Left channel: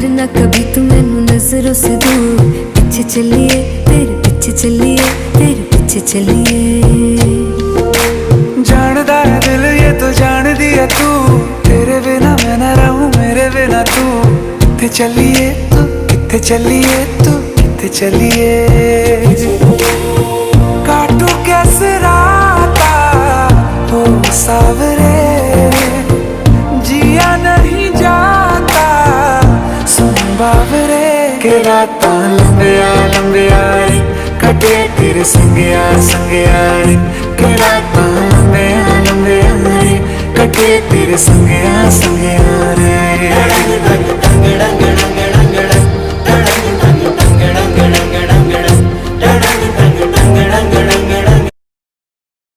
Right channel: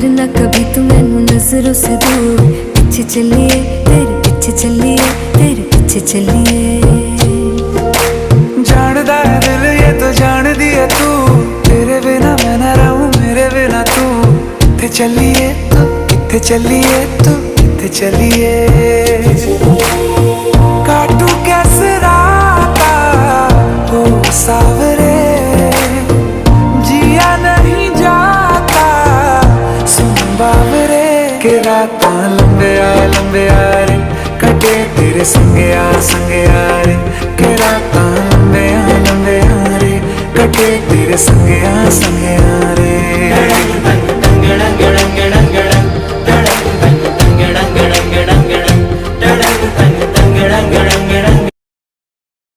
करना कभी तू मैनू नजरों से दूर। पीछे चलिए तेरे पीछे चलिए, तेरे पीछे चलिए। जानदा है दिल ये तो जान दिया तू, तेरे बिना मैं ना रहूं मेरे बिना तू। किथे चलिए तू, किथे चलिए तू, किथे चलिए। काटू कैसे राता हो सावरे, जिया नहीं जाता सुन बावरे। के रातां लंबिया लंबिया रे, कटे तेरे संगया संगया रे। के रातां लंबिया लंबिया रे, कटे तेरे संगया संगया रे।